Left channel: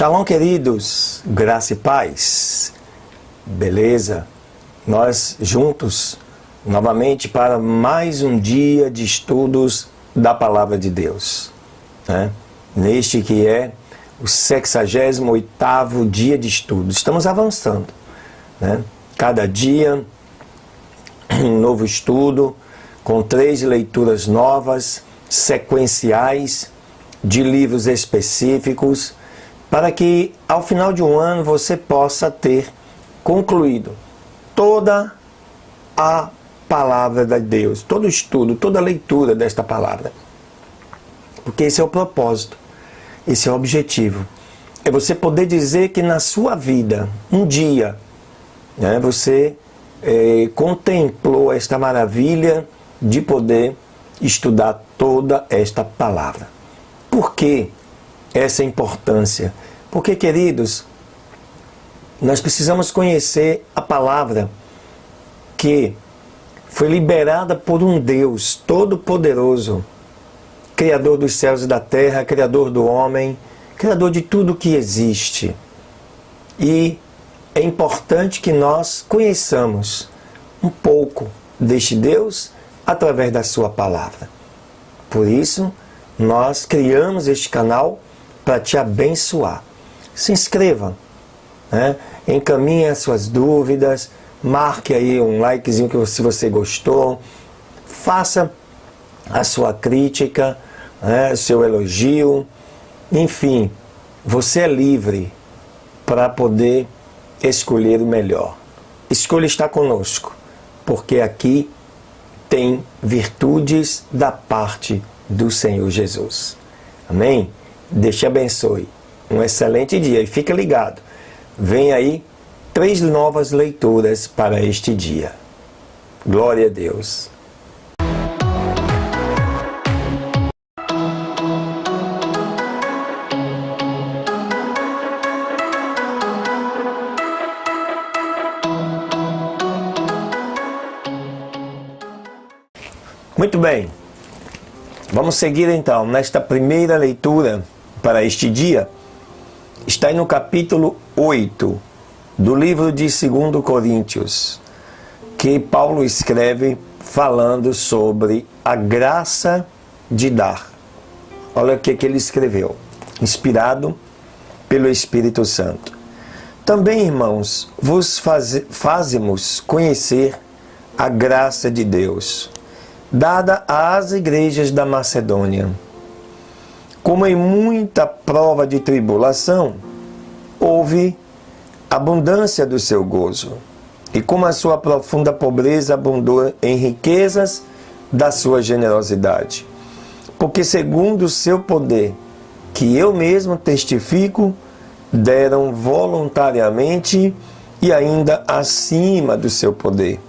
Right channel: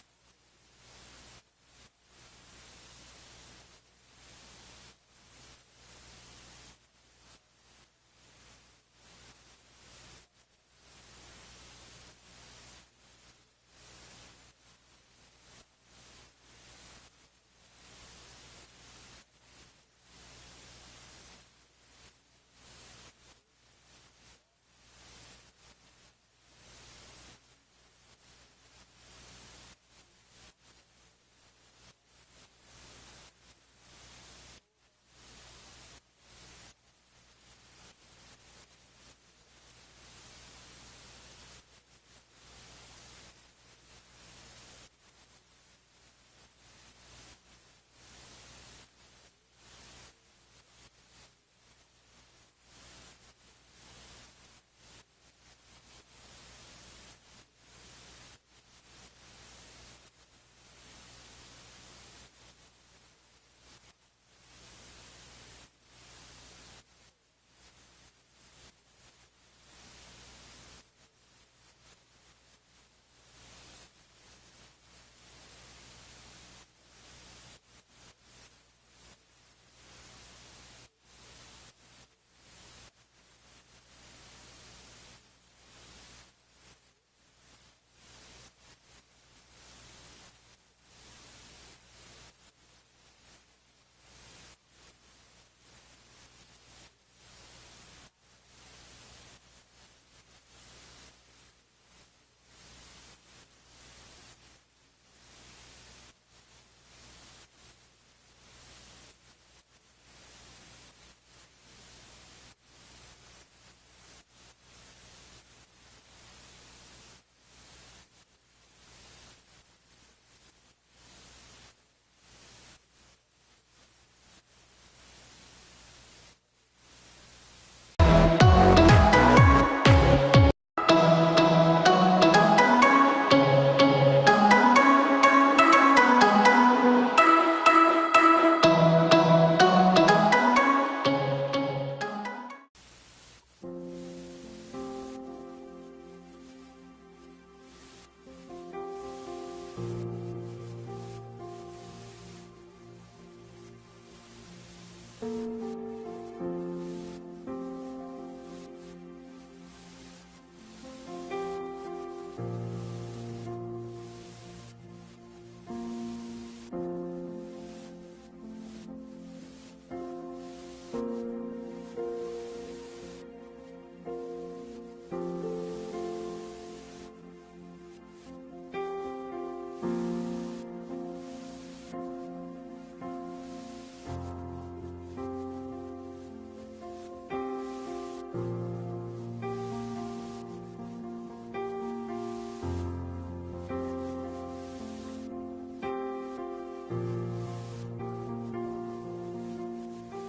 Shalom, queridos, graça e paz, beleza? Nós juntos, novamente, para mais um dia de estudos da Palavra de Deus, né? Neste que é o 68º dia de estudo. Estamos avançando, né? Cada dia, um novo estudo, com 3 leituras novas, sequenciais, de livros específicos, para que ao final de um ano você possa ter concluído toda a palavra de Deus, todo o estudo, toda a leitura desta palavra. Porque esse é o propósito, esse é o objetivo. É você poder dizer que na sua vida, um dia, né, você contemplou esta maravilha de poder estudar toda esta palavra. Por que essa importância? Porque, queridos, nós precisamos conhecer a palavra que foi liberada por um Deus todo-poderoso, Criador dos céus e da terra, Criador do homem, Criador de tudo que existe. E é importante que nós conheçamos um pouco deste Deus através da sua palavra. Por isso, nós criamos este canal para te abençoar. Se inscreva, né? Encaminhe as suas dúvidas, marque aí um likezinho se você gostou, faça a sua crítica, né? Seu elogio, enfim, você é livre para poder escolher o melhor. Escolha estar conosco, porque aqui tem virtudes da parte do Senhor Jesus. Amém? Deus te abençoe. Um excelente dia e fica ligado. Vem aí 3 novas leituras para este dia. Glória a Deus. Muito bem. Vamos seguir então, nesta primeira leitura para este dia, está aí no capítulo 8 do livro de 2 Coríntios, que Paulo escreve falando sobre a graça de dar. Olha o que ele escreveu, inspirado pelo Espírito Santo. Também, irmãos, vos fazemos conhecer a graça de Deus, dada às igrejas da Macedônia. Como em muita prova de tribulação, houve abundância do seu gozo, e como a sua profunda pobreza abundou em riquezas da sua generosidade. Porque segundo o seu poder, que eu mesmo testifico, deram voluntariamente e ainda acima do seu poder,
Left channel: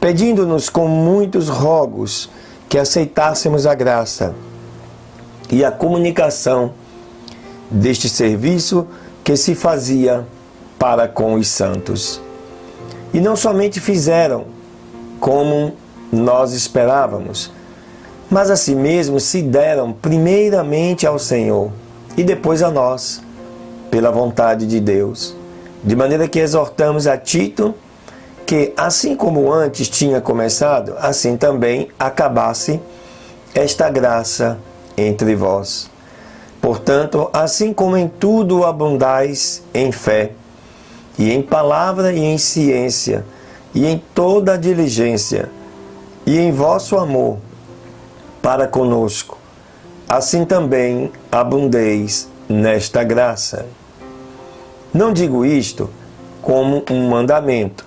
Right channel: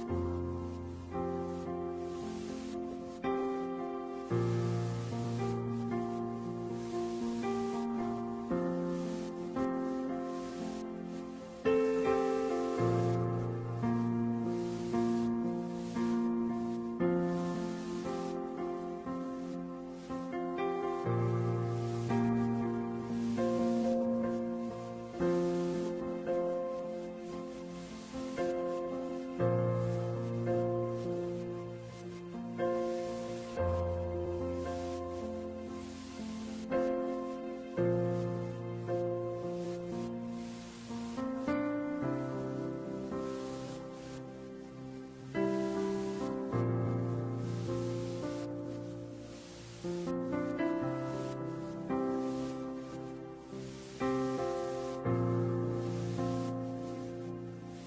pedindo-nos com muitos rogos que aceitássemos a graça e a comunicação deste serviço que se fazia para com os santos. E não somente fizeram como nós esperávamos, mas a si mesmos se deram primeiramente ao Senhor e depois a nós, pela vontade de Deus. De maneira que exortamos a Tito que, assim como antes tinha começado, assim também acabasse esta graça entre vós. Portanto, assim como em tudo abundais em fé, e em palavra e em ciência, e em toda a diligência, e em vosso amor para conosco, assim também abundeis nesta graça. Não digo isto como um mandamento,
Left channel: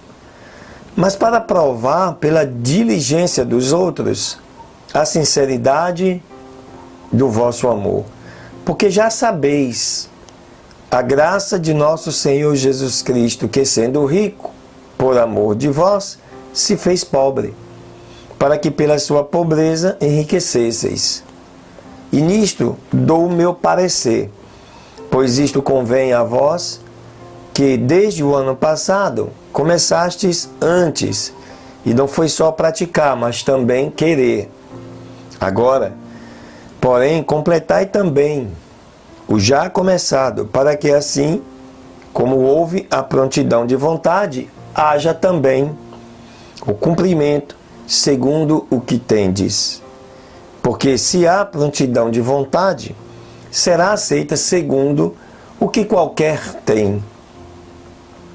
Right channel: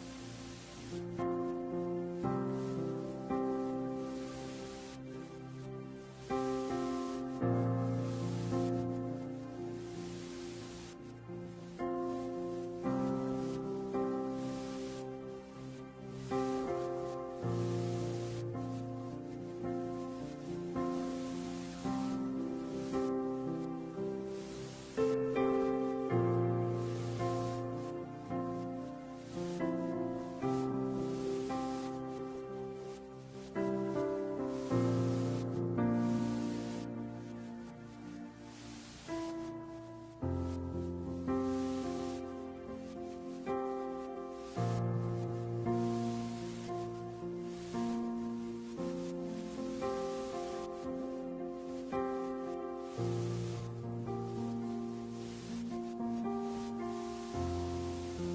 mas para provar pela diligência dos outros a sinceridade do vosso amor. Porque já sabeis a graça de nosso Senhor Jesus Cristo, que sendo rico, por amor de vós, se fez pobre, para que pela sua pobreza enriquecesseis. E nisto dou o meu parecer, pois isto convém a vós, que desde o ano passado começastes antes, e não foi só praticar, mas também querer. Agora, porém, completai também o já começado, para que assim, como houve a prontidão de vontade, haja também o cumprimento segundo o que tendes. Porque se há prontidão de vontade, será aceita segundo o que qualquer tem,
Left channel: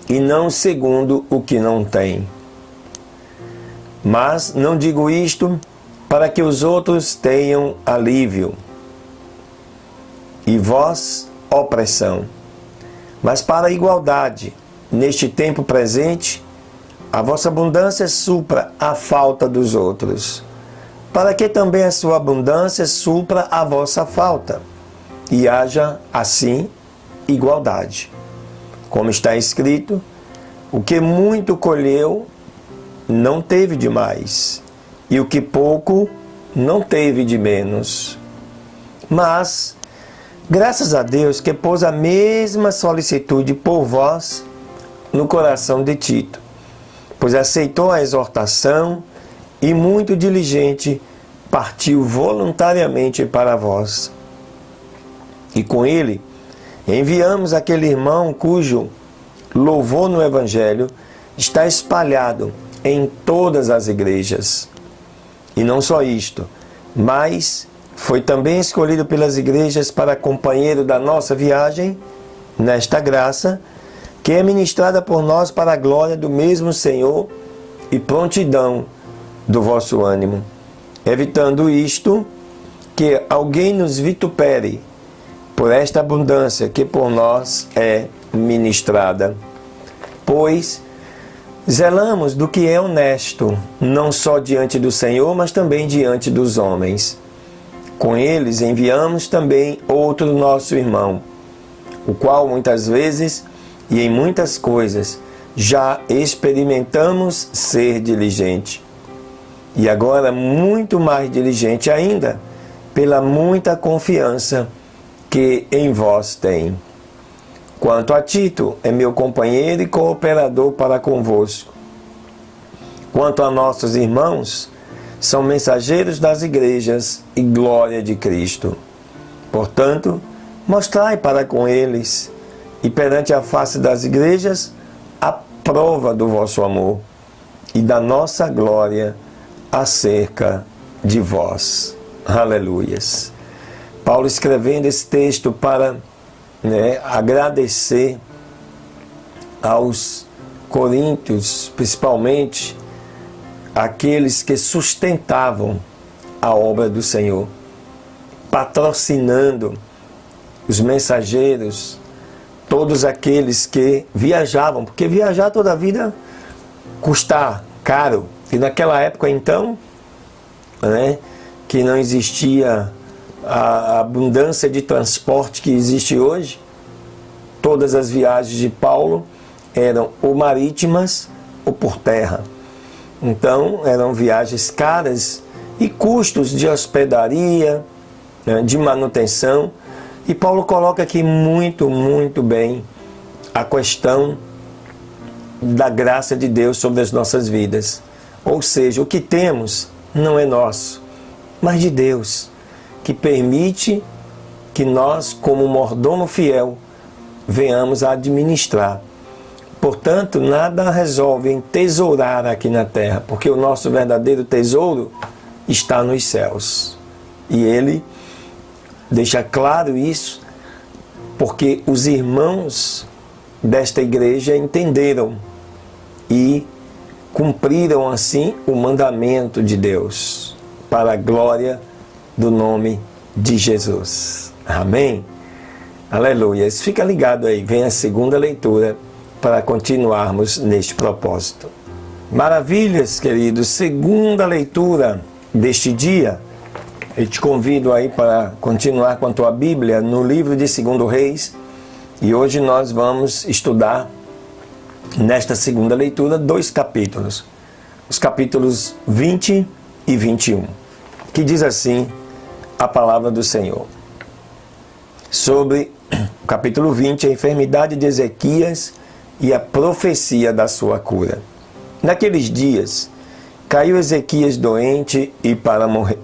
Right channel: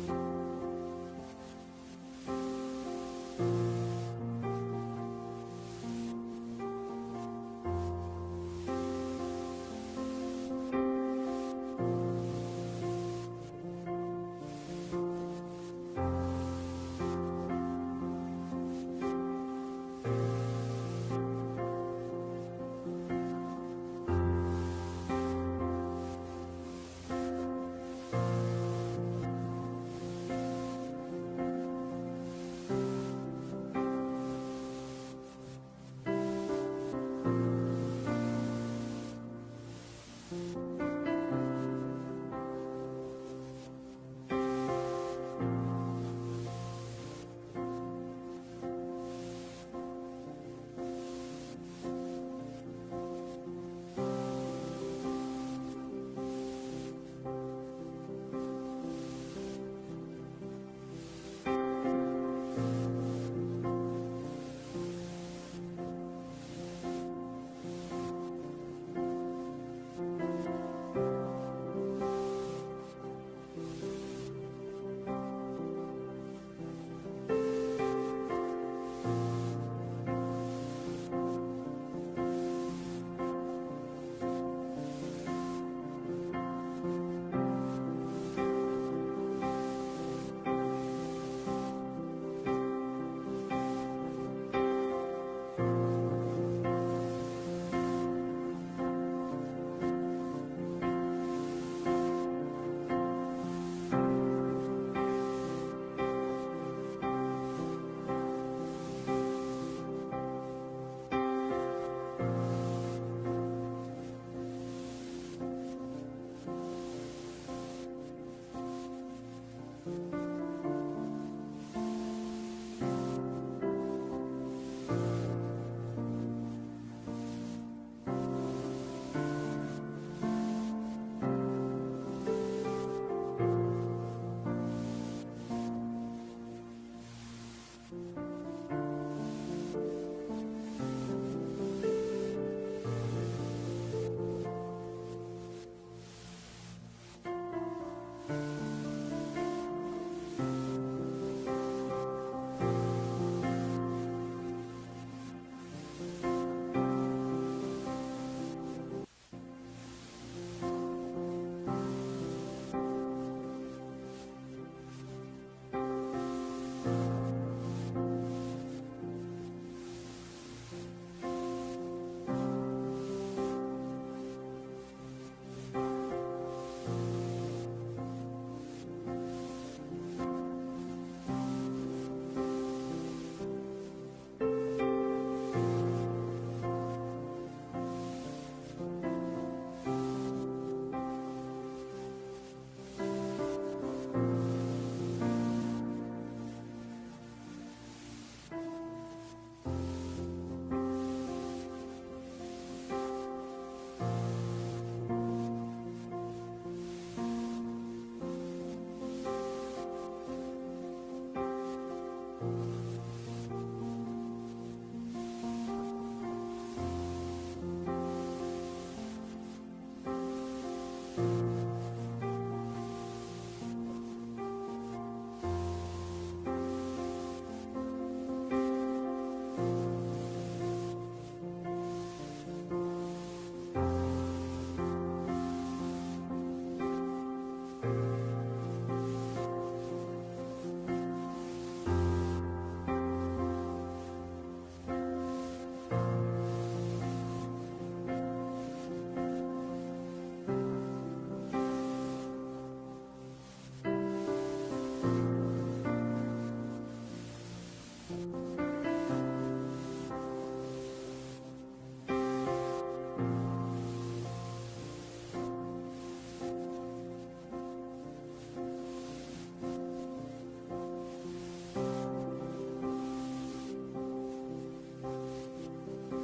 e não segundo o que não tem. Mas não digo isto para que os outros tenham alívio, e vós opressão, mas para a igualdade. Neste tempo presente, a vossa abundância supra a falta dos outros, para que também a sua abundância supra a vossa falta, e haja, assim, igualdade. Como está escrito, o que muito colheu, não teve de mais, e o que pouco, não teve de menos. Mas, graças a Deus que pôs a mesma solicitude por vós no coração de Tito, pois aceitou a exortação e muito diligente partiu voluntariamente para vós. E com ele enviamos aquele irmão cujo louvor no Evangelho está espalhado em todas as igrejas. E não só isto, mas foi também escolhido pelas igrejas para companheiro da nossa viagem nesta graça, que é ministrada por nós para a glória do mesmo Senhor e prontidão do vosso ânimo, evitando isto, que alguém nos vitupere por esta abundância que por nós é ministrada. Pois zelamos do que é honesto, não só diante do Senhor, mas também diante dos homens. Com eles enviamos também outro nosso irmão, o qual muitas vezes e em muitas coisas já experimentamos ser diligente. E agora muito mais diligente ainda, pela muita confiança que em vós tem. Quanto a Tito, é meu companheiro e cooperador para convosco. Quanto a nossos irmãos, são mensageiros das igrejas e glória de Cristo. Portanto, mostrai para com eles e perante a face das igrejas a prova do vosso amor e da nossa glória acerca de vós. Aleluias. Paulo escrevendo esse texto para agradecer aos coríntios, principalmente aqueles que sustentavam a obra do Senhor, patrocinando os mensageiros, todos aqueles que viajavam, porque viajar toda a vida custa caro. E naquela época, então, que não existia a abundância de transporte que existe hoje, todas as viagens de Paulo eram ou marítimas ou por terra. Então, eram viagens caras e custos de hospedaria, de manutenção. E Paulo coloca aqui muito, muito bem a questão da graça de Deus sobre as nossas vidas. Ou seja, o que temos não é nosso, mas de Deus, que permite que nós, como mordomo fiel, venhamos a administrar. Portanto, nada resolve entesourar aqui na terra, porque o nosso verdadeiro tesouro está nos céus. E ele deixa claro isso, porque os irmãos desta igreja entenderam e cumpriram assim o mandamento de Deus, para a glória do nome de Jesus. Amém? Aleluia. Fica ligado aí, vem a segunda leitura para continuarmos neste propósito. Maravilhas, queridos, segunda leitura deste dia. Eu te convido aí para continuar com a tua Bíblia no livro de 2 Reis. E hoje nós vamos estudar, nesta segunda leitura, 2 capítulos. Os capítulos 20 e 21. Que diz assim a palavra do Senhor. Sobre o capítulo 20, a enfermidade de Ezequias e a profecia da sua cura. Naqueles dias, caiu Ezequias doente e para morrer.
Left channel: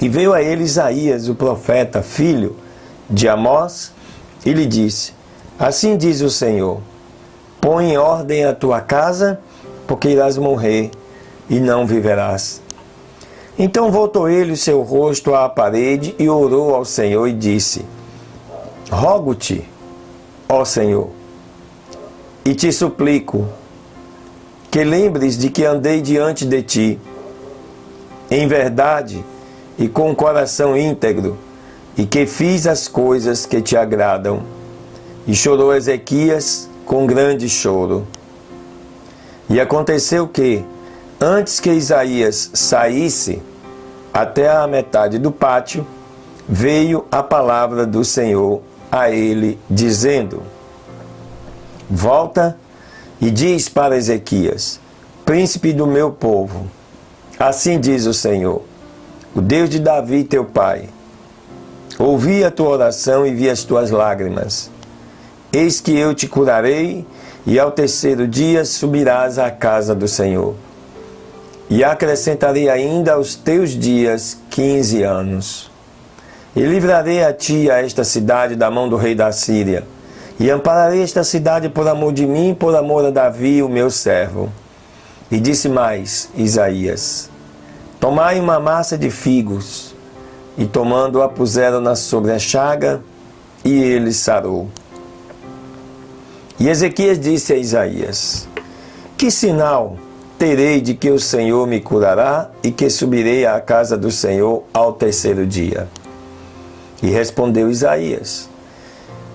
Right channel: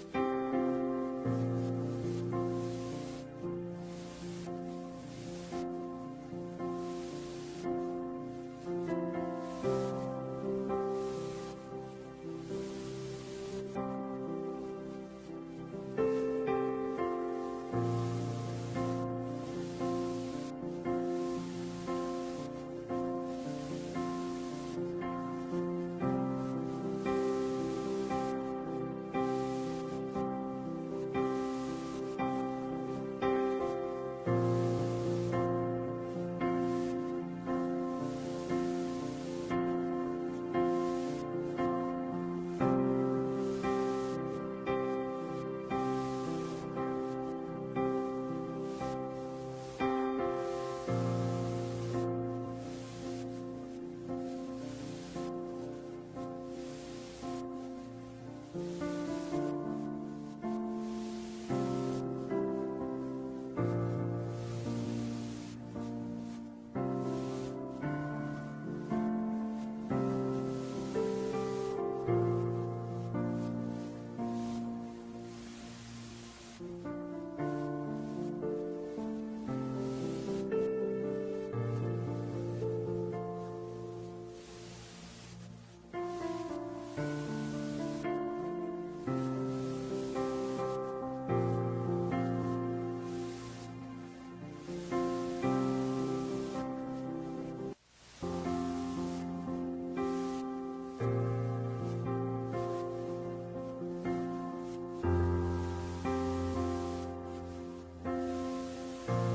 E veio a ele Isaías, o profeta, filho de Amós, e lhe disse: assim diz o Senhor, põe em ordem a tua casa, porque irás morrer e não viverás. Então voltou ele o seu rosto à parede e orou ao Senhor e disse: rogo-te, ó Senhor, e te suplico, que lembres de que andei diante de ti, em verdade e com o coração íntegro, e que fiz as coisas que te agradam. E chorou Ezequias com grande choro. E aconteceu que, antes que Isaías saísse até a metade do pátio, veio a palavra do Senhor a ele, dizendo: volta e diz para Ezequias, príncipe do meu povo, assim diz o Senhor, o Deus de Davi teu pai, ouvi a tua oração e vi as tuas lágrimas. Eis que eu te curarei, e ao terceiro dia subirás à casa do Senhor. E acrescentarei ainda aos teus dias 15 anos. E livrarei a ti e a esta cidade da mão do rei da Síria. E ampararei esta cidade por amor de mim, por amor a Davi, o meu servo. E disse mais Isaías: tomai uma massa de figos. E tomando-a puseram-na sobre a chaga, e ele sarou. E Ezequias disse a Isaías: que sinal terei de que o Senhor me curará e que subirei à casa do Senhor ao terceiro dia? E respondeu Isaías:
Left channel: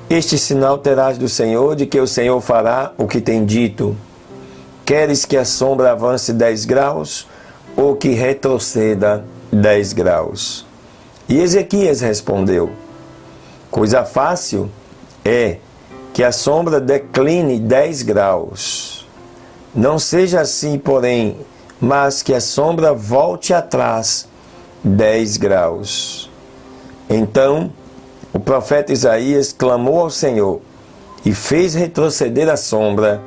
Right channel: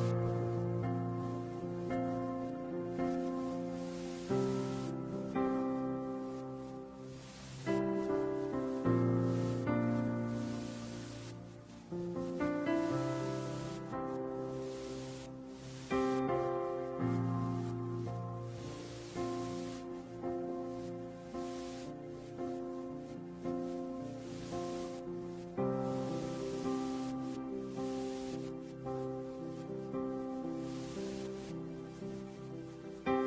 este sinal terás do Senhor, de que o Senhor fará o que tem dito. Queres que a sombra avance 10 graus ou que retroceda 10 graus? E Ezequias respondeu: coisa fácil é que a sombra decline 10 graus. Não seja assim, porém, mas que a sombra volte atrás 10 graus. Então o profeta Isaías clamou ao Senhor e fez retroceder a sombra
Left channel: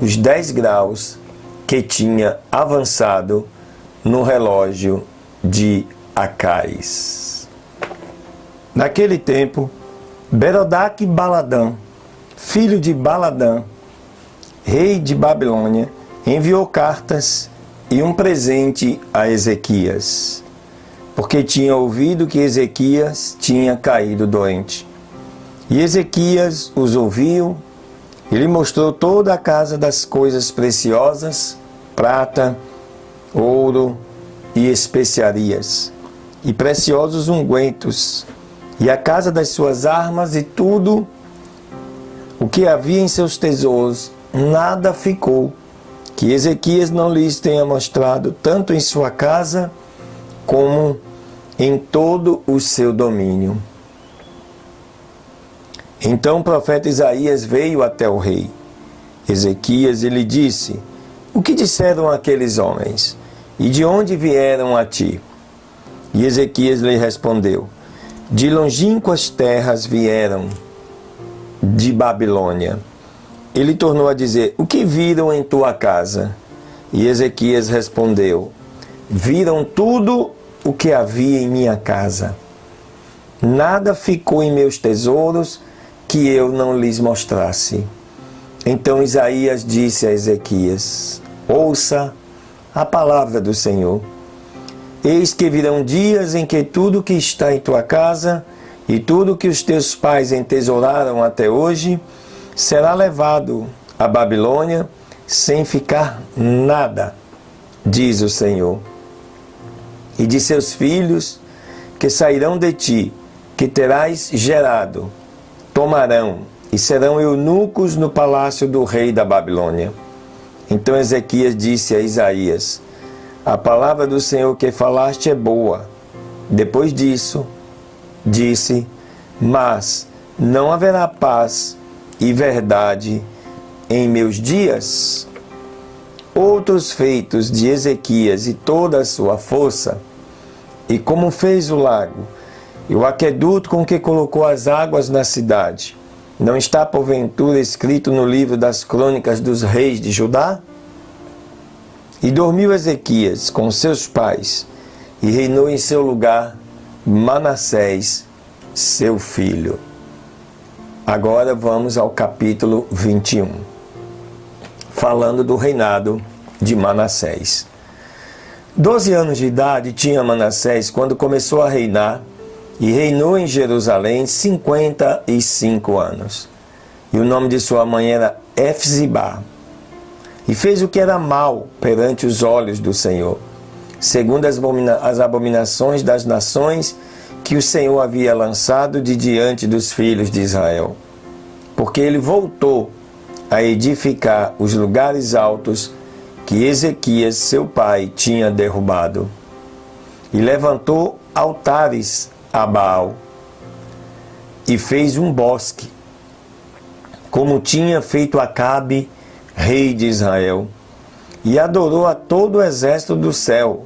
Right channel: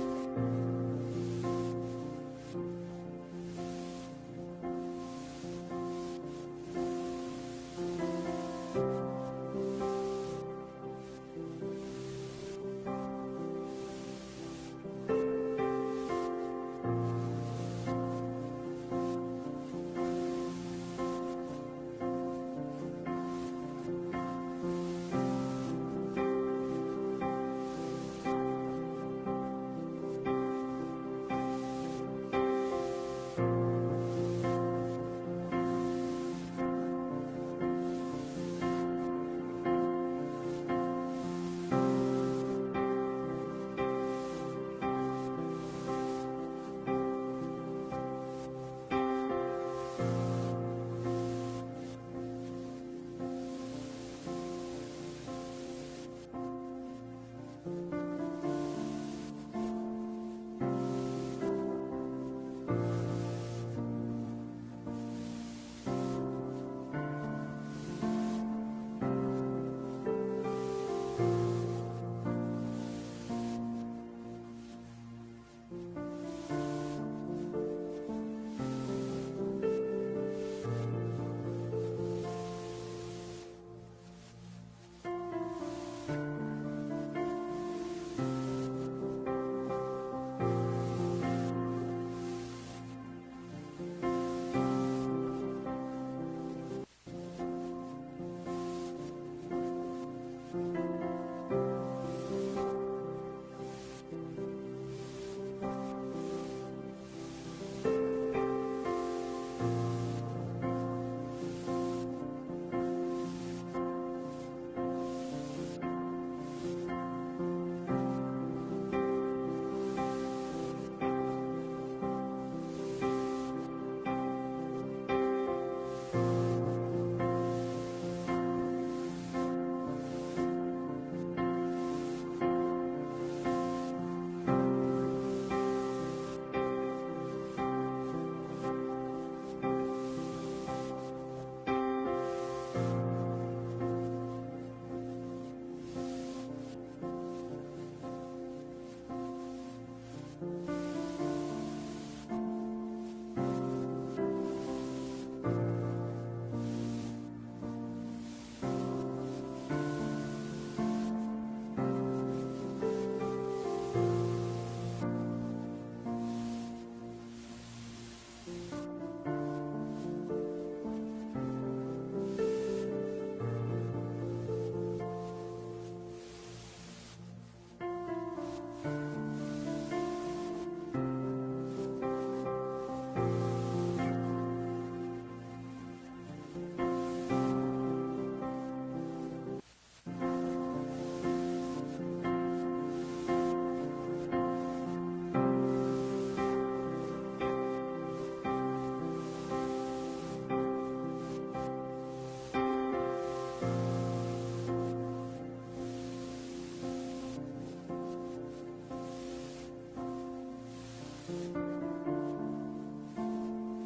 os 10 graus que tinha avançado no relógio de Acais. Naquele tempo, Berodaque-Baladã, filho de Baladã, rei de Babilônia, enviou cartas e um presente a Ezequias, porque tinha ouvido que Ezequias tinha caído doente. E Ezequias os ouviu e lhe mostrou toda a casa das coisas preciosas, prata, ouro e especiarias, e preciosos ungüentos, e a casa das suas armas e tudo o que havia em seus tesouros. Nada ficou que Ezequias não lhes tenha mostrado, tanto em sua casa como em todo o seu domínio. Então o profeta Isaías veio até o rei Ezequias e lhe disse: o que disseram aqueles homens? E de onde vieram a ti? E Ezequias lhe respondeu: de longínquas terras vieram, de Babilônia. Ele tornou a dizer: o que viram em tua casa? E Ezequias respondeu: viram tudo o que havia em minha casa. Nada ficou em meus tesouros que eu não lhes mostrasse. Então Isaías disse a Ezequias: ouça a palavra do Senhor. Eis que virão dias em que tudo que está em tua casa e tudo que os teus pais entesouraram até hoje será levado à Babilônia sem ficar nada, diz o Senhor. E de seus filhos que sairão de ti, que terás gerado, tomarão e serão eunucos no palácio do rei da Babilônia. Então Ezequias disse a Isaías: a palavra do Senhor que falaste é boa. Depois disso, disse: mas não haverá paz e verdade em meus dias? Outros feitos de Ezequias e toda a sua força, e como fez o lago, e o aqueduto com que colocou as águas na cidade, não está porventura escrito no livro das crônicas dos reis de Judá? E dormiu Ezequias com seus pais, e reinou em seu lugar Manassés, seu filho. Agora vamos ao capítulo 21, falando do reinado de Manassés. 12 anos de idade tinha Manassés quando começou a reinar, e reinou em Jerusalém 55 anos. E o nome de sua mãe era Efzibá. E fez o que era mal perante os olhos do Senhor, segundo as abominações das nações que o Senhor havia lançado de diante dos filhos de Israel. Porque ele voltou a edificar os lugares altos que Ezequias, seu pai, tinha derrubado. E levantou altares a Baal, e fez um bosque, como tinha feito Acabe, rei de Israel, e adorou a todo o exército do céu,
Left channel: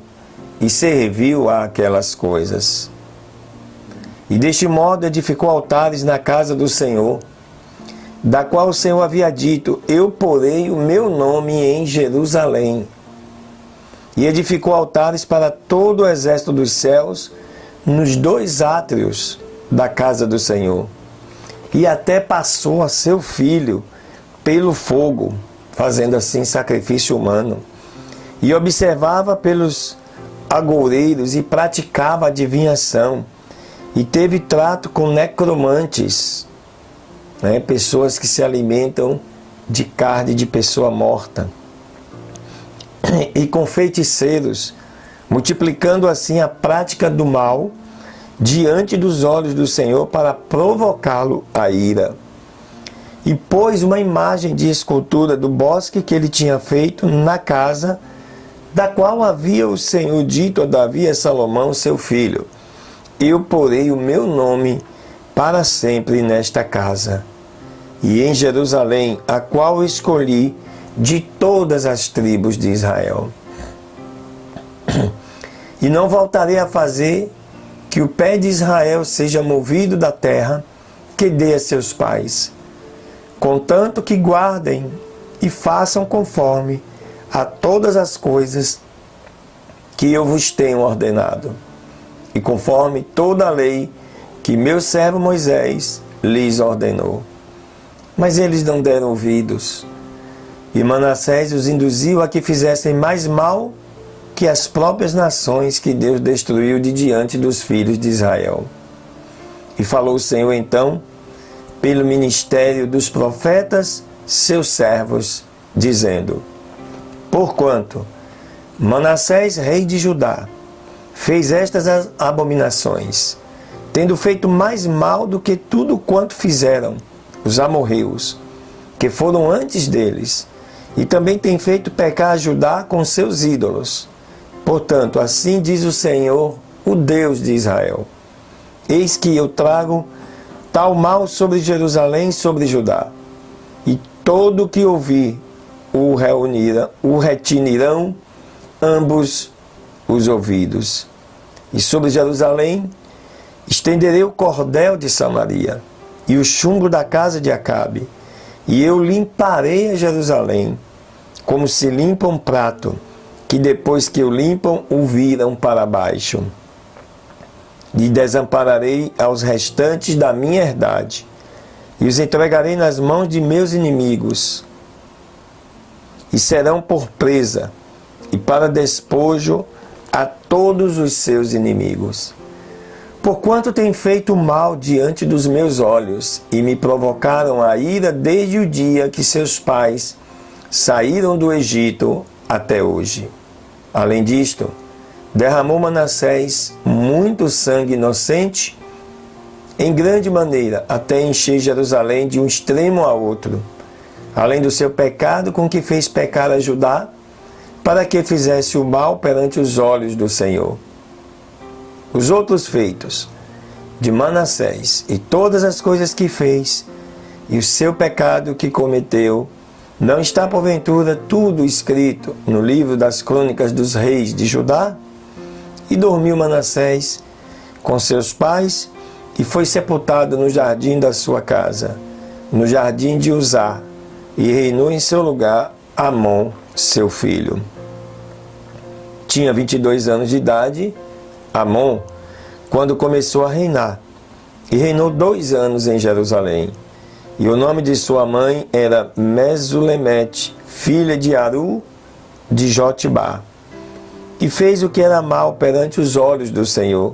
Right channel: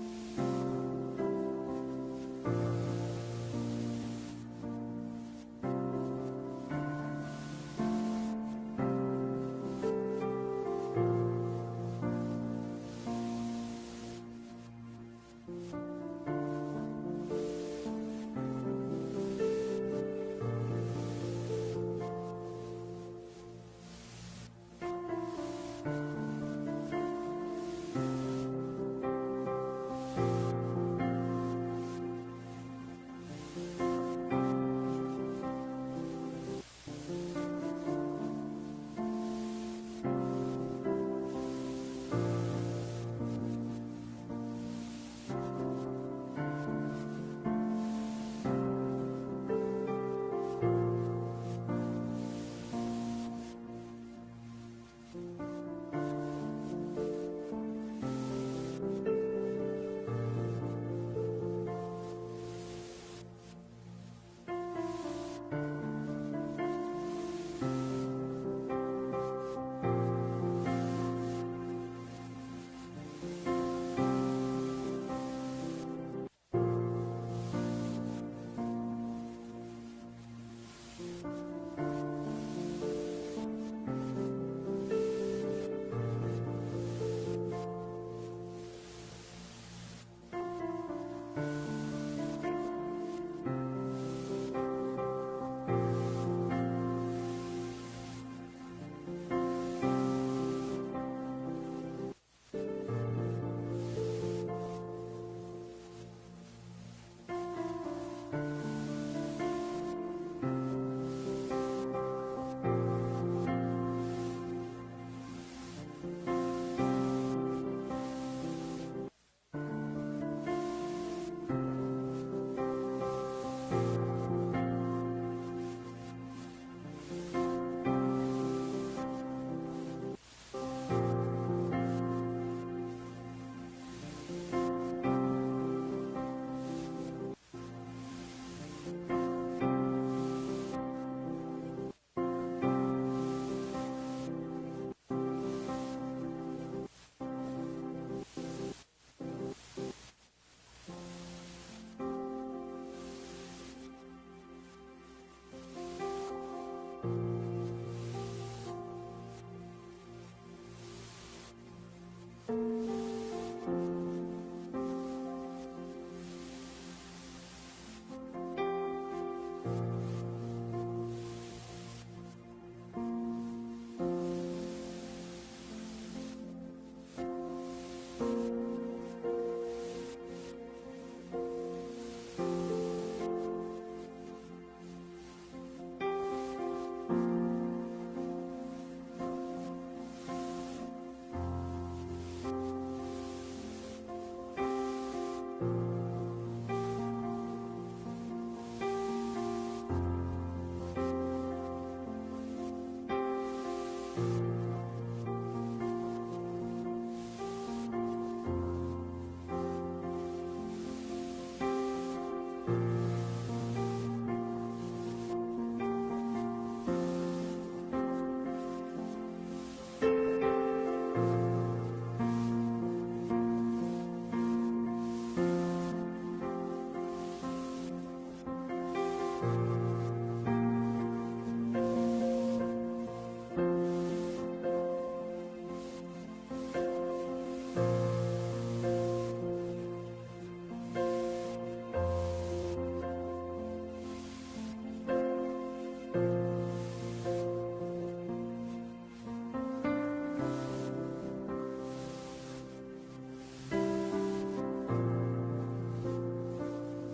e serviu a aquelas coisas. E deste modo edificou altares na casa do Senhor, da qual o Senhor havia dito: eu porei o meu nome em Jerusalém. E edificou altares para todo o exército dos céus, nos 2 átrios da casa do Senhor. E até passou a seu filho pelo fogo, fazendo assim sacrifício humano. E observava pelos agoureiros e praticava adivinhação. E teve trato com necromantes, pessoas que se alimentam de carne de pessoa morta. E com feiticeiros, multiplicando assim a prática do mal diante dos olhos do Senhor para provocá-lo à ira. E pôs uma imagem de escultura do bosque que ele tinha feito na casa, da qual havia o Senhor dito a Davi e a Salomão, seu filho: eu porei o meu nome para sempre nesta casa, e em Jerusalém, a qual escolhi de todas as tribos de Israel. E não voltarei a fazer que o pé de Israel seja movido da terra que dei a seus pais, contanto que guardem e façam conforme a todas as coisas que eu vos tenho ordenado, e conforme toda a lei que meu servo Moisés lhes ordenou. Mas eles não deram ouvidos, e Manassés os induziu a que fizessem mais mal que as próprias nações que Deus destruiu de diante dos filhos de Israel. E falou o Senhor então, pelo ministério dos profetas, seus servos, dizendo: porquanto Manassés, rei de Judá, fez estas abominações, tendo feito mais mal do que tudo quanto fizeram os amorreus, que foram antes deles, e também tem feito pecar a Judá com seus ídolos. Portanto, assim diz o Senhor, o Deus de Israel: eis que eu trago tal mal sobre Jerusalém e sobre Judá, e todo o que ouvir o retinirão ambos os ouvidos. E sobre Jerusalém estenderei o cordel de Samaria e o chumbo da casa de Acabe, e eu limparei a Jerusalém, como se limpa um prato, que depois que o limpam, o viram para baixo. E desampararei aos restantes da minha herdade, e os entregarei nas mãos de meus inimigos, e serão por presa, e para despojo a todos os seus inimigos. Porquanto têm feito mal diante dos meus olhos, e me provocaram a ira desde o dia que seus pais saíram do Egito até hoje. Além disto, derramou Manassés muito sangue inocente, em grande maneira, até encher Jerusalém de um extremo a outro, além do seu pecado com que fez pecar a Judá, para que fizesse o mal perante os olhos do Senhor. Os outros feitos de Manassés e todas as coisas que fez, e o seu pecado que cometeu, não está porventura tudo escrito no livro das crônicas dos reis de Judá? E dormiu Manassés com seus pais, e foi sepultado no jardim da sua casa, no jardim de Uzá, e reinou em seu lugar Amon, seu filho. Tinha 22 anos de idade Amon, quando começou a reinar. E reinou 2 anos em Jerusalém. E o nome de sua mãe era Mesulemete, filha de Aru, de Jotibá. E fez o que era mal perante os olhos do Senhor,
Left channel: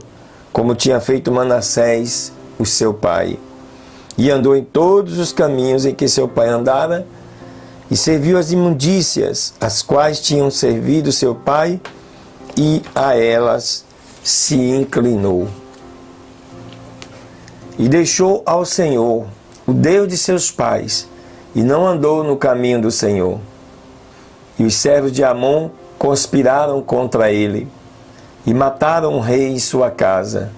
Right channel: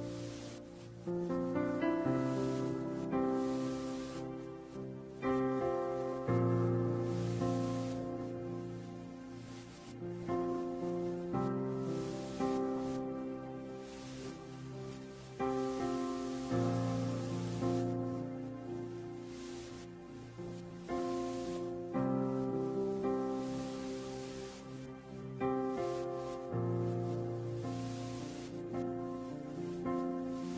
como tinha feito Manassés, o seu pai. E andou em todos os caminhos em que seu pai andara, e serviu as imundícias, as quais tinham servido seu pai, e a elas se inclinou. E deixou ao Senhor, o Deus de seus pais, e não andou no caminho do Senhor. E os servos de Amon conspiraram contra ele, e mataram o rei e sua casa.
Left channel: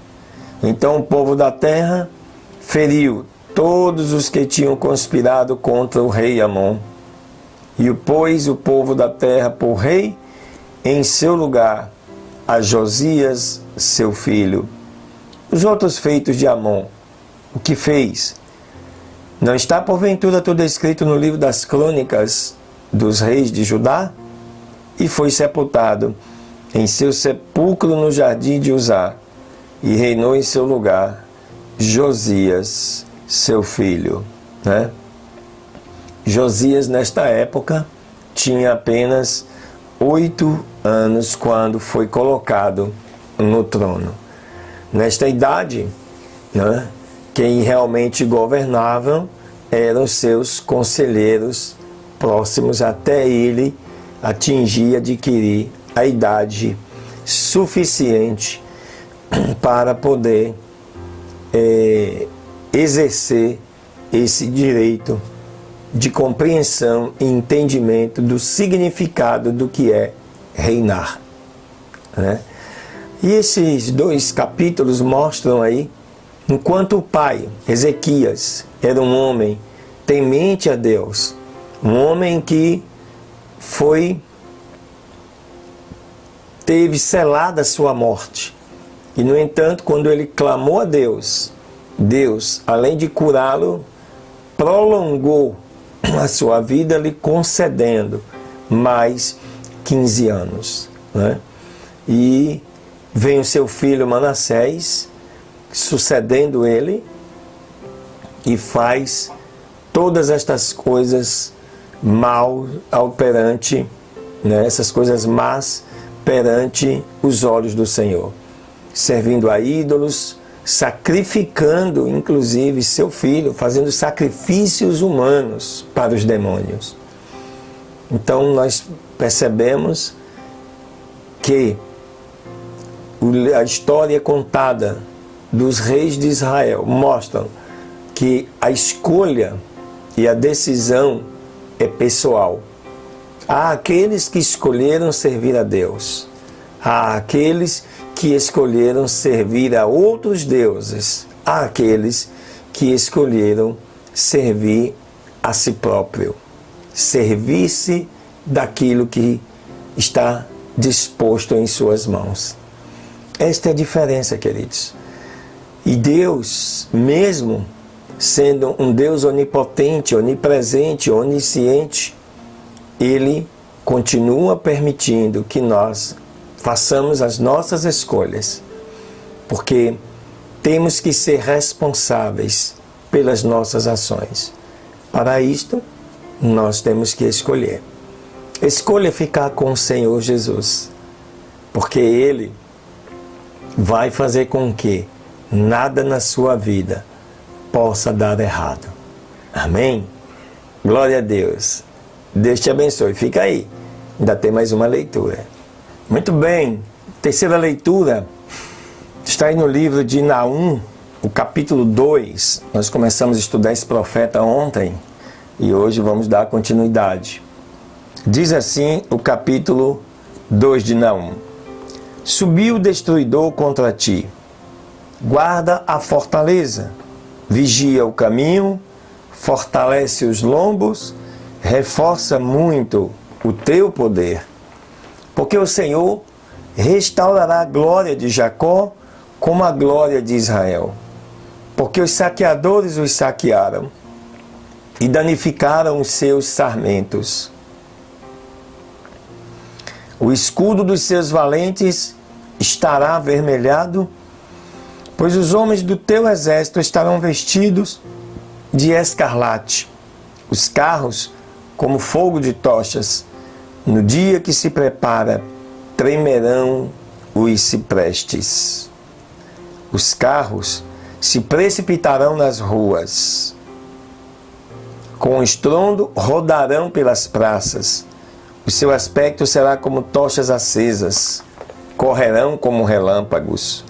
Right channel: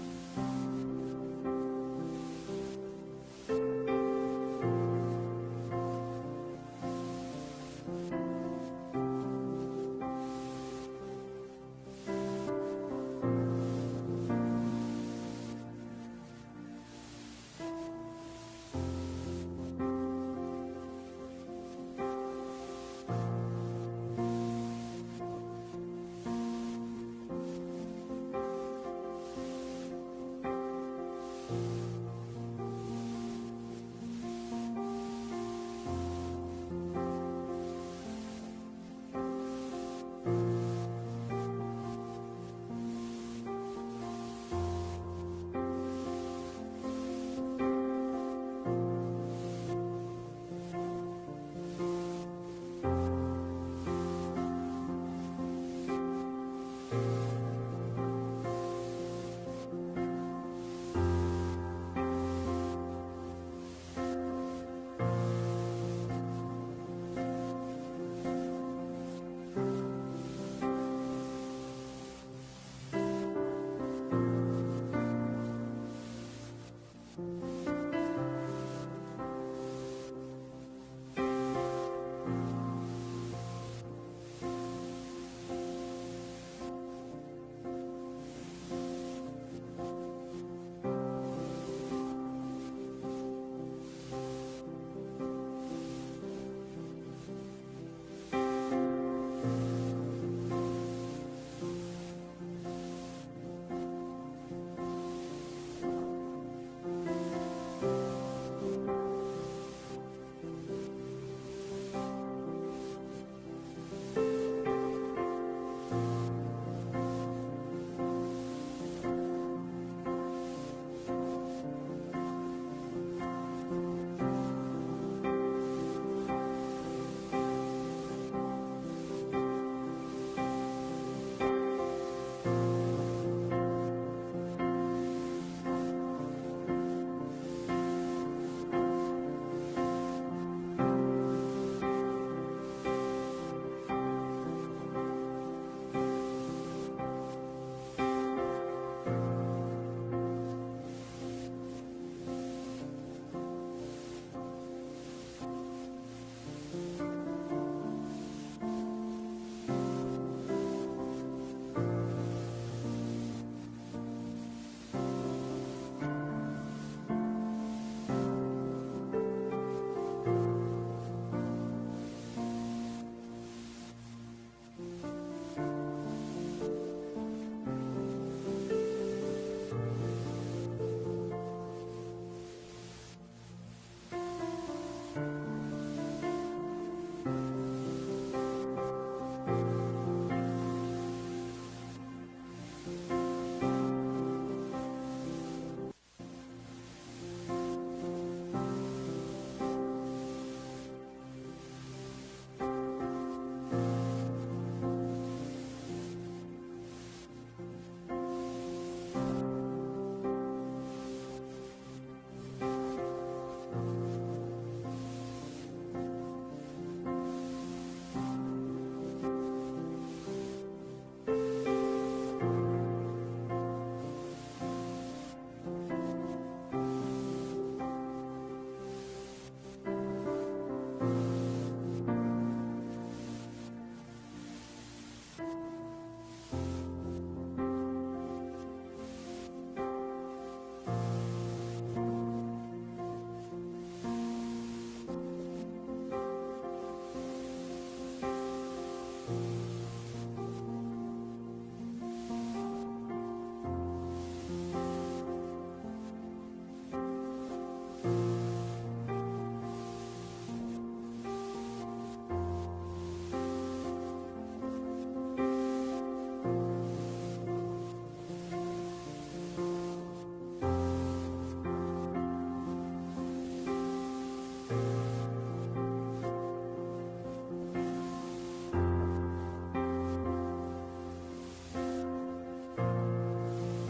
Então o povo da terra feriu todos os que tinham conspirado contra o rei Amon, e pôs o povo da terra por rei em seu lugar, a Josias, seu filho. Os outros feitos de Amon, o que fez? Não está porventura tudo escrito no livro das crônicas dos reis de Judá? E foi sepultado em seu sepulcro no jardim de Uzá, e reinou em seu lugar Josias, seu filho. Josias, nesta época, tinha apenas 8 anos quando foi colocado no trono. Nesta idade, quem realmente governava eram seus conselheiros próximos, até ele atingir, adquirir a idade suficiente para poder exercer esse direito de compreensão e entendimento do significado do que é reinar. E esses 2 capítulos mostram aí, enquanto o pai, Ezequias, era um homem temente a Deus, um homem que teve selada a sua morte. E, no entanto, quando ele clamou a Deus, Deus, além de curá-lo, prolongou a sua vida, lhe concedendo mais 15 anos. E vem o seu filho Manassés, sucedendo ele, e faz todas estas coisas mal perante, essas coisas más perante os olhos do Senhor, servindo a ídolos, sacrificando inclusive seu filho, fazendo sacrifícios humanos para os demônios. Então nós percebemos que a história contada dos reis de Israel mostram que a escolha e a decisão é pessoal. Há aqueles que escolheram servir a Deus, há aqueles que escolheram servir a outros deuses, há aqueles que escolheram servir a si próprio, servir-se daquilo que está disposto em suas mãos. Esta é a diferença, queridos. E Deus, mesmo sendo um Deus onipotente, onipresente, onisciente, Ele continua permitindo que nós façamos as nossas escolhas, porque temos que ser responsáveis pelas nossas ações. Para isto, nós temos que escolher. Escolha ficar com o Senhor Jesus, porque Ele vai fazer com que nada na sua vida possa dar errado. Amém? Glória a Deus. Deus te abençoe. Fica aí. Ainda tem mais uma leitura. Muito bem. Terceira leitura está aí no livro de Naum, o capítulo 2. Nós começamos a estudar esse profeta ontem e hoje vamos dar continuidade. Diz assim o capítulo 2 de Naum: Subiu o destruidor contra ti. Guarda a fortaleza, vigia o caminho, fortalece os lombos, reforça muito o teu poder. Porque o Senhor restaurará a glória de Jacó como a glória de Israel. Porque os saqueadores os saquearam e danificaram os seus sarmentos. O escudo dos seus valentes estará avermelhado pois os homens do teu exército estarão vestidos de escarlate, os carros como fogo de tochas. No dia que se prepara, tremerão os ciprestes. Os carros se precipitarão nas ruas. Com estrondo rodarão pelas praças. O seu aspecto será como tochas acesas. Correrão como relâmpagos.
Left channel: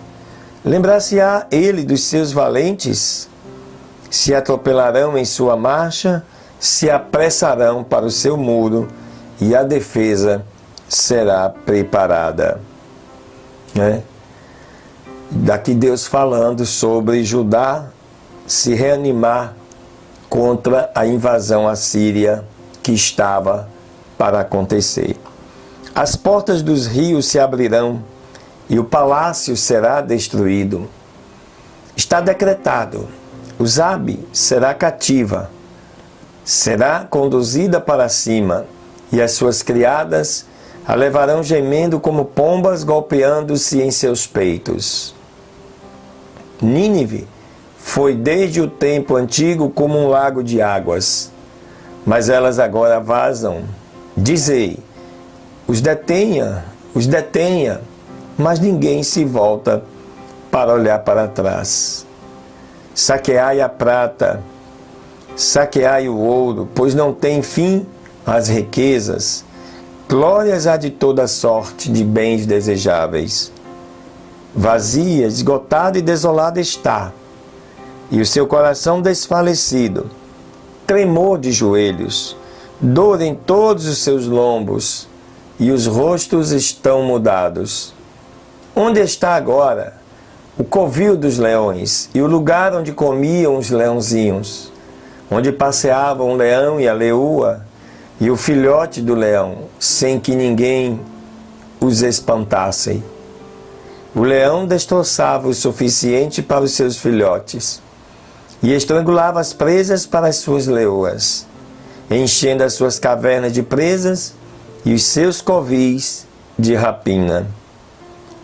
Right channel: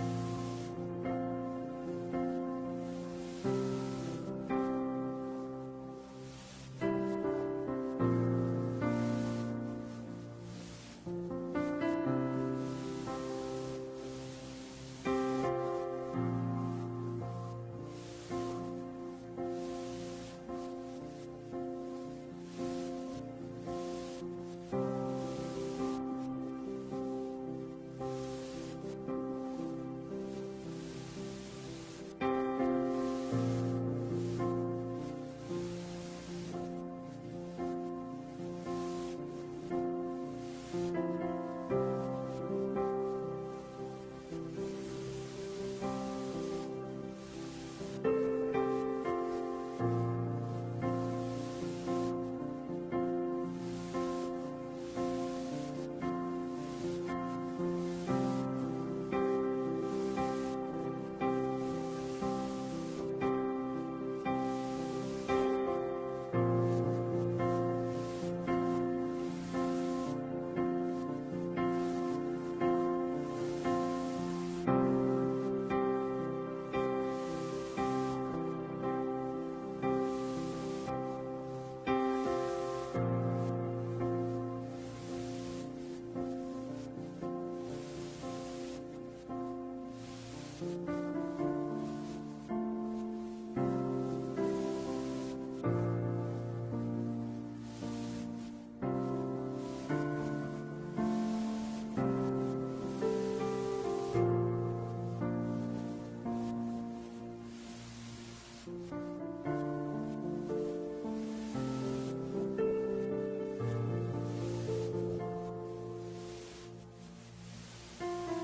Lembrar-se-á ele dos seus valentes? Se atropelarão em sua marcha, se apressarão para o seu muro, e a defesa será preparada. Daqui Deus falando sobre Judá se reanimar contra a invasão assíria que estava para acontecer. As portas dos rios se abrirão e o palácio será destruído. Está decretado: Uzabe será cativa, será conduzida para cima, e as suas criadas a levarão gemendo como pombas golpeando-se em seus peitos. Nínive foi desde o tempo antigo como um lago de águas, mas elas agora vazam. Dizei: os detenha, mas ninguém se volta para olhar para trás. Saqueai a prata, saqueai o ouro, pois não tem fim as riquezas. Glórias há de toda sorte de bens desejáveis. Vazia, esgotada e desolada está, e o seu coração desfalecido, tremor de joelhos, dor em todos os seus lombos, e os rostos estão mudados. Onde está agora o covil dos leões e o lugar onde comiam os leãozinhos, onde passeavam o leão e a leoa e o filhote do leão, sem que ninguém os espantasse? O leão destroçava o suficiente para os seus filhotes e estrangulava as presas para as suas leoas, enchendo as suas cavernas de presas e os seus covis de rapina.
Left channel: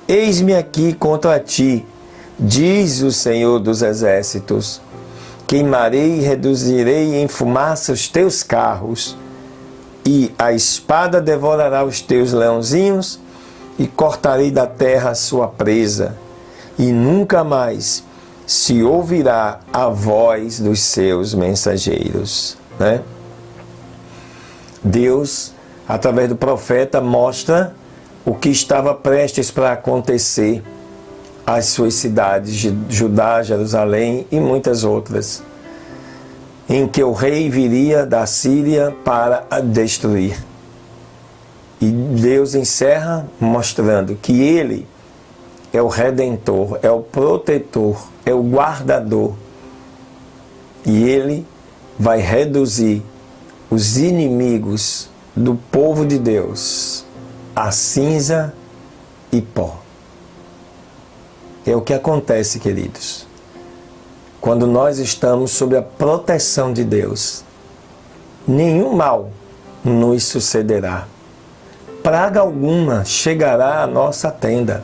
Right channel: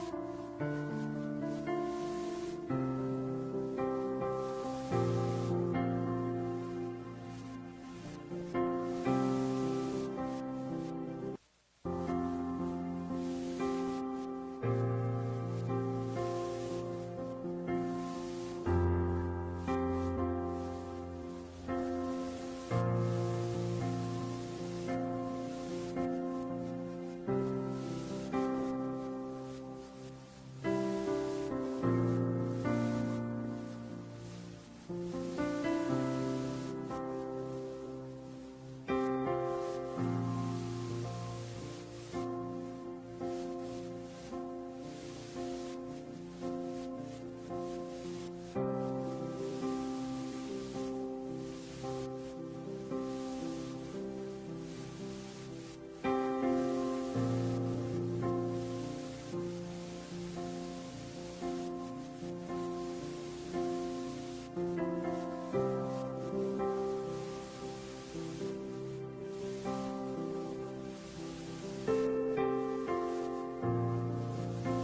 Eis-me aqui contra ti, diz o Senhor dos Exércitos. Queimarei e reduzirei em fumaça os teus carros, e a espada devorará os teus leãozinhos, e cortarei da terra a sua presa, e nunca mais se ouvirá a voz dos seus mensageiros. Deus, através do profeta, mostra o que estava prestes para acontecer às suas cidades de Judá, Jerusalém e muitas outras, em que o rei viria da Síria para a destruir. E Deus encerra mostrando que Ele é o Redentor, é o protetor, é o guardador. E Ele vai reduzir os inimigos do povo de Deus a cinza e pó. É o que acontece, queridos, quando nós estamos sob a proteção de Deus. Nenhum mal nos sucederá. Praga alguma chegará à nossa tenda,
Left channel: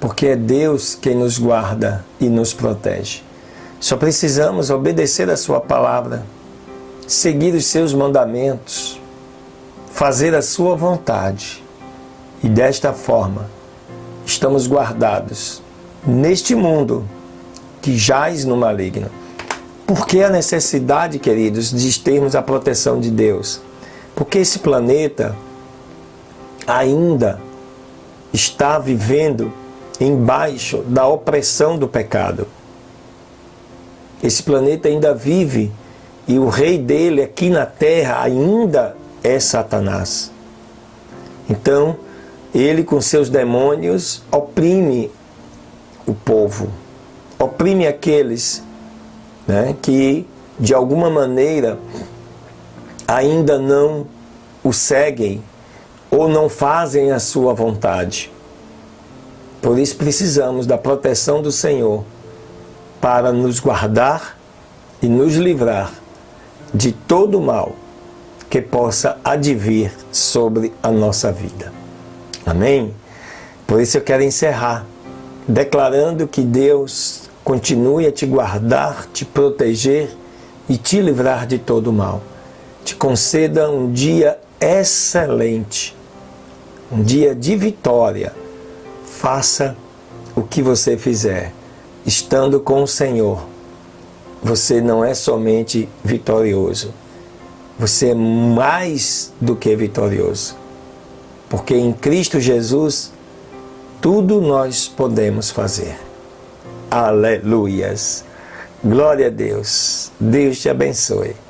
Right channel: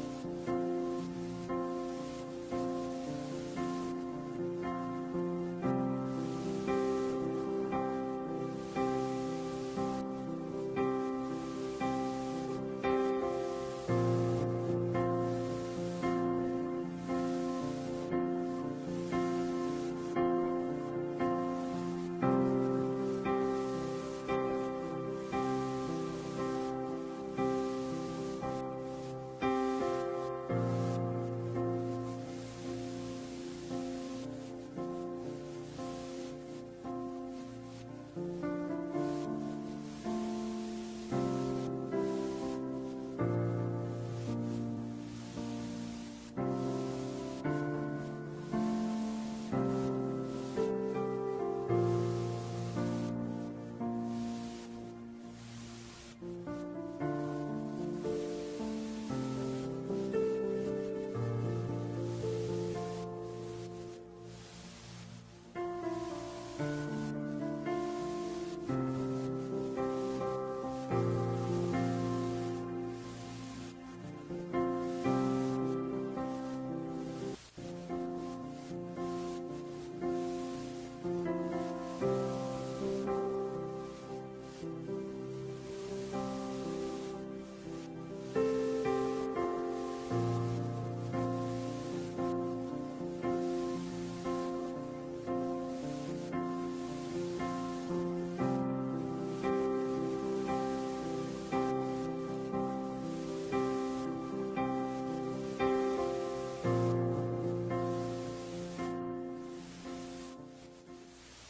porque é Deus quem nos guarda e nos protege. Só precisamos obedecer a sua palavra, seguir os seus mandamentos, fazer a sua vontade. E desta forma, estamos guardados neste mundo que jaz no maligno. Por que a necessidade, queridos, de termos a proteção de Deus? Porque esse planeta ainda está vivendo embaixo da opressão do pecado. Esse planeta ainda vive e o rei dele aqui na terra ainda é Satanás. Então, ele com seus demônios oprime o povo, oprime aqueles que de alguma maneira ainda não o seguem ou não fazem a sua vontade. Por isso precisamos da proteção do Senhor para nos guardar e nos livrar de todo o mal que possa advir sobre a nossa vida. Amém? Por isso eu quero encerrar declarando que Deus continue a te guardar, te proteger e te livrar de todo mal. Te conceda um dia excelente, um dia de vitória. Faça o que você fizer, estando com o Senhor, você não é somente vitorioso, você é mais do que vitorioso. Porque em Cristo Jesus, tudo nós podemos fazer. Aleluias! Glória a Deus! Deus te abençoe.